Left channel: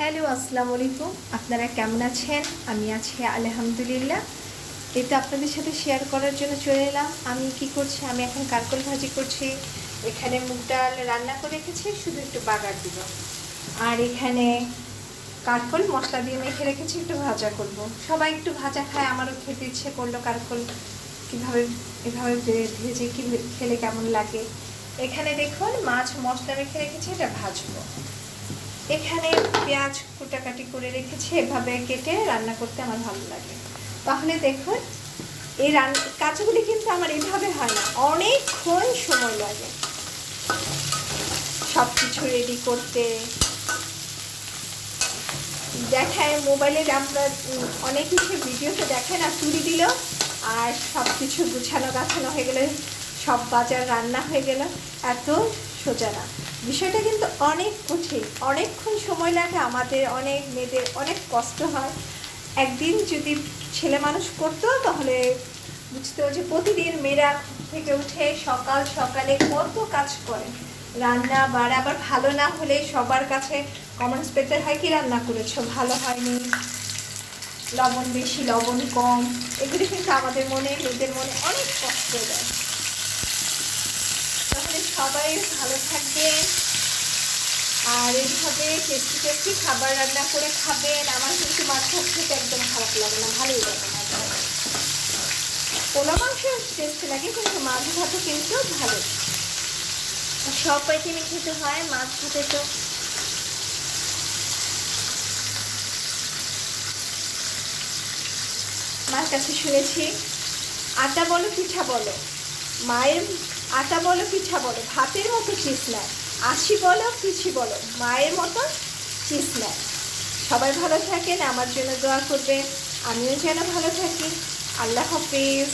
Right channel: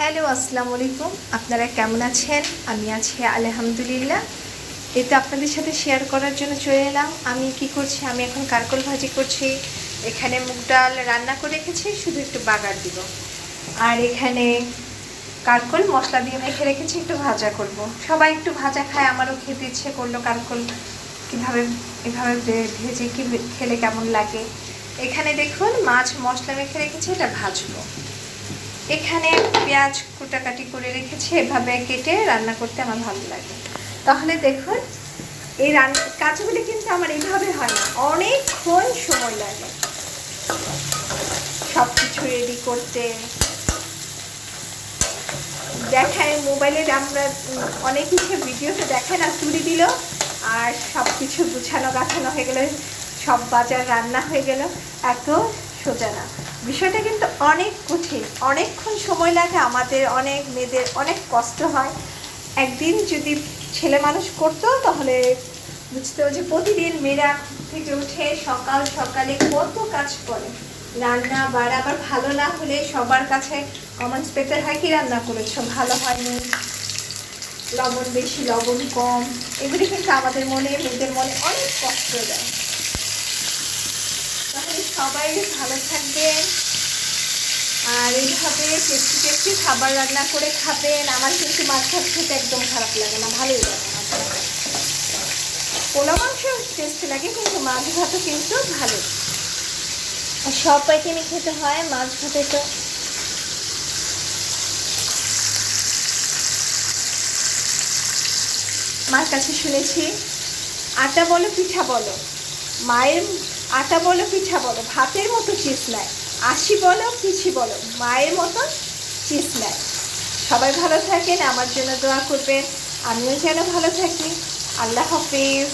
Hello, আসসালামু আলাইকুম। আপনারা কেমন আছেন? আমি আছি আলহামদুলিল্লাহ। এই তো আপনাদের সাথে শেয়ার করার জন্য চলে এলাম। আমি কি করছি, আমি এখন কারকল ভাজি করছি। এখানে মুগ ডাল রান্না করে রেখেছি, শুধু একটু বাগার দিব। আর এখানে কারকল মশলা দিয়ে মেখে রেখেছি, একটু ভাজা করব। সবাই একটু ভাজা খায়, আমারও খেতে ইচ্ছে করলো। কারকল কীভাবে এভাবে ভেজে কি খেলে কেমন লাগে। এখানে দেখুন মাছ মশলা মেখে রেখেছি, এটা ভাজবো। এখানে পেঁয়াজ কুটাকাটি করে রেখেছি, এভাবে কেটে রান্না করতে আমার ভালো লাগে। তাহলে দেখুন এই কাজগুলি কিন্তু আমার এইভাবে হয় না, অনেকক্ষণ সময় লাগে সব কিছু রেডি করতে। দেখায় মোবাইলে আমরা অনেক কিছু ভিডিওতে দেখায় না, তুলে দিল আর সব কিছু গুছানো গাছানো হয়ে গেলো, সব বাজার রান্না হয়ে গেল। এত সোজা না, বিষয়টা কিন্তু অনেক কঠিন, অনেকক্ষণ সময় লাগে আমাদের, অনেক মেয়েদের অনেক কষ্ট হয়। একদিন যদি ছেলে মানুষ করতো তাহলে বুঝতে হবে যে প্রতিদিন মেয়েরা থেকে উঠে সকাল সকালে কত কাজ করে। রান্না বাড়া আবার ভালো না হলে সবার কাছে কমেন্টস পেতে হয় কি রান্না করেছো, ভালো হয়নি, লবণ বেশি লবণ কম, এগুলি কিন্তু আমাদের মনে, মেয়েদের মনে অনেক কষ্ট দেয়। তাহলে সবাই ভালো থাকবেন আর এইভাবে টেস্টি টেস্টি খাবার রান্না করে খাবেন। আমার কিন্তু মাছ ভাত খেতে একদম খারাপ লাগে না, ভালোই লাগে মাছ ভাত। পোলা মাংস টেস্টি লাগে, কিন্তু মাছ ভাতও কিন্তু ভালো। আর সব আইটেমই খেতে হয়, মাছ ভাতে তো মার কাছে শুনেছি আটা বলো পিঠা বলো, মায়ের আটা বলো পিঠা বলো, ভাতের মতো চিজ নেয়। আশি বলো পিছি বলো, মায়ের মতন চিজ নেয়। সবাই ভালো থাকেন, আমার জন্য দোয়া করবেন, আমিও যেন ভালো থাকি। আল্লাহ হাফেজ।